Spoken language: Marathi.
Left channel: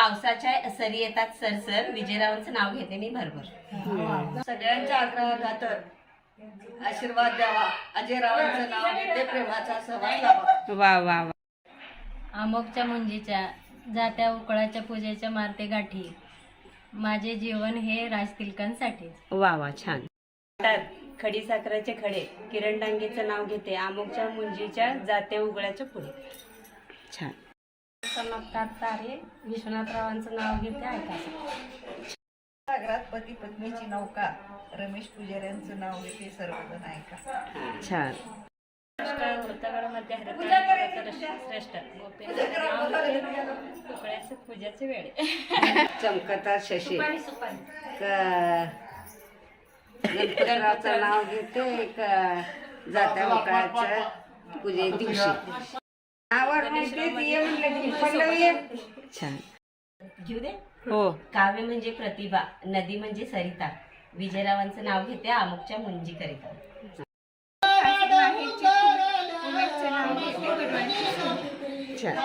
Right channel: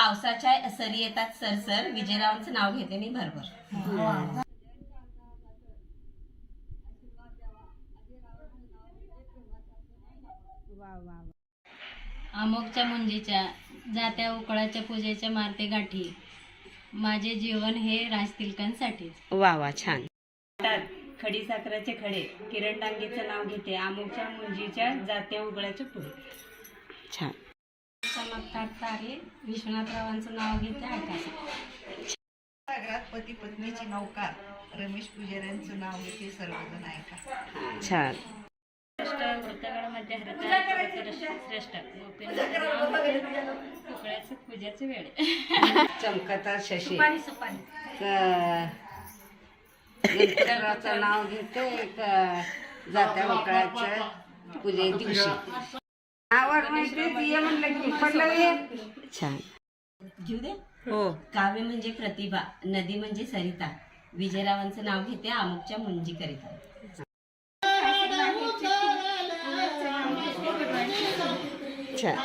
पावसाच्या सरी येतात सरसर, विजयरावांचं नाव घेते मी भरभर. सगळ्यांच्या आग्रहाखातर आशीर्वाद द्यावा, अजयरावांचं नाव घेते, प्रेमाचा सहवास लावा. वा वा वा. अमोकच्या मुंजीच्या जात्या उकळाच्या पूजेच्या मारते गाठी, माझे जीवन हे राजतिलकांसाठी. वा वा, छान. खडी साखराचे खडे, किरण डांगेचं नाव घेते, अमोकच्या मुंजीच्या जात्या उघड्याच्या पुढे. छान. चमकतात तारे, विश्वनाथरावांचं नाव घेते ऐकायचं. सागरात पती पत्नीची नौका, रमेश पुजाऱ्यांचं नाव घेते, सर्वजण ऐका. छान. वृत्तगडामध्ये हरित श्रेष्ठ गोपीनाथ उकळ्याचे पूजेचे वेळे. चमकता शशी गणपतरावचं नाव घेते, जात्या मोकळ्याच्या पूजे दिवशी. छान. घेऊ दे. हो. काव्य म्हणजे प्रतिभा, नदी म्हणजे सरिता, विजयरावांचं नाव घेते, अमोकच्या मुंजी करिता. छान.